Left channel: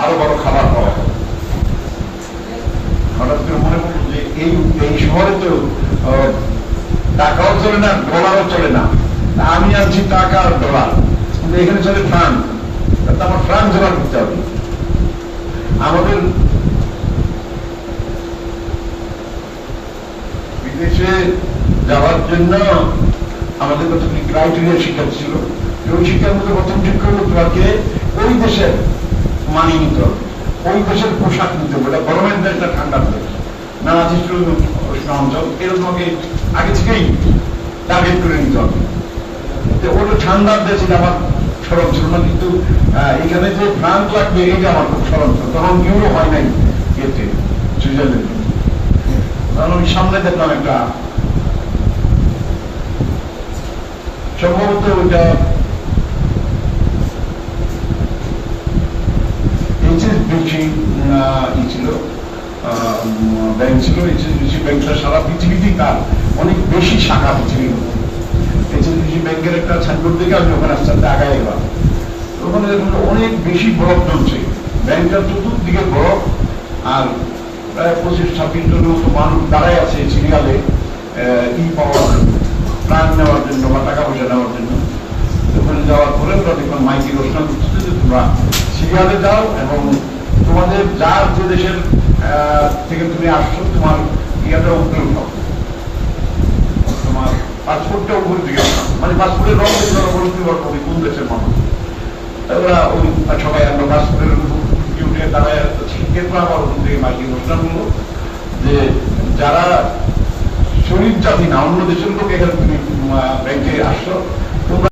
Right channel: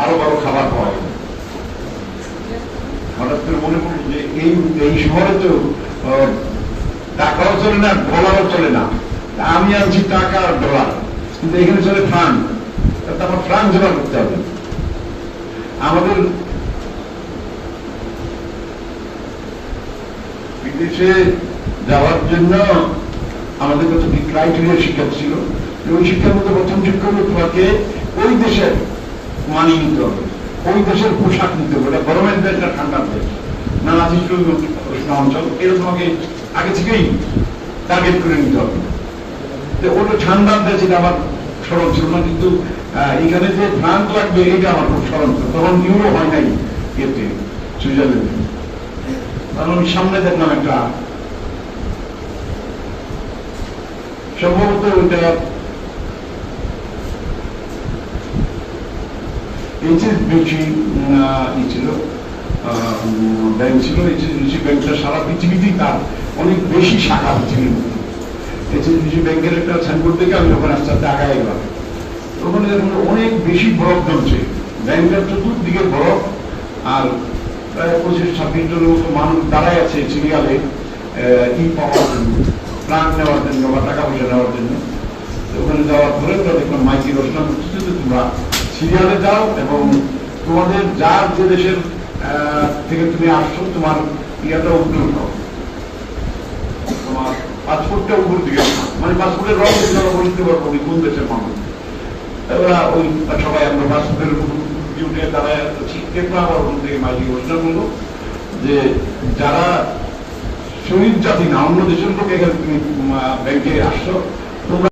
আরো বড় খাবার পাওয়া যাবে। হঠাৎ করে মনে করল যে এই শহরে তো টাকাও চলে না, ডলারও চলে না, আমি আনছি টাকা আর ডলার, কিন্তু এখানে চলে ফ্রান্ক, আমার ফ্রান্ক জমা করতে হবে। আমাদের বিদেশে যাওয়ার জন্য আমাদের কাছে কি ক্রাইটেরিয়া শিক্ষা ছিল, ওই শিক্ষার মধ্যে প্রথম ঠিক করবো তোমাকে ওই দেশের মানিয়ে নিতে হবে, ওই দেশের পোশাক নিতে হবে, ওটা গরমের দেশ না ঠান্ডার দেশ না নাতিশীল উষ্ণ অঞ্চল, এটা তোমাকে আগে থেকেই টার্গেট করে নিতে হবে। ওটা ঠান্ডার দেশ, এটা আমার স্মরণ ছিল না, কিন্তু এখানে যে ফ্রান্স লাগবে এটা আমার খুব স্মরণ ছিল। তখন ইউরো হয় নাই এতে সুইজারল্যান্ডে, তখন আমি সামনে দেখলাম একটা সম্ভবত ওইটা এইচএসবিসি ছিল, ব্যাংক ছিল। এইচএসবিসি ব্যাংকটা সারা পৃথিবীতেই তার অনেক বেশি শাখা পৃথিবীর মধ্যে। এইচএসবিসি ব্যাংকের একটা সাইনবোর্ড থেকে আমি ওখানে আস্তে আস্তে আগায় এলাম, ওখানে অনেক বেশি বরফ জমছে, ব্যাংকটার চতুর্দিকে বরফ, আর প্রায় 25-26 জনের মতো মানুষ দাঁড়ায় আছে সিরিয়ালে পাওয়ার জন্য, প্রাণ নেওয়ার জন্য বা টাকা পয়সা নেওয়ার জন্য। ওখানে যাওয়ার পরে ওরা দেখলাম মাইকে ঘোষণা করতেছে যে তোমরা সিরিয়ালে যাও এবং তোমাদের যার যে দেশের থেকে তুমি আসছো তোমার ইয়াটা উত্তর পাও, তোমার পাসপোর্টটা উপর দিকে, মানে পাসপোর্টের রঙ বলতে পারবো কোন দেশের মানুষ। ওরা ওই সবাই আমরা পাসপোর্টের ডিউটি দাঁড়ায় দেখলাম, আর ওখান থেকে মাইকে ঘোষণা করলো যে যারা শরীর জাতি না, অন্য দেশের লোক এখানে তুমি ব্যাংকে আসছো, তোমরা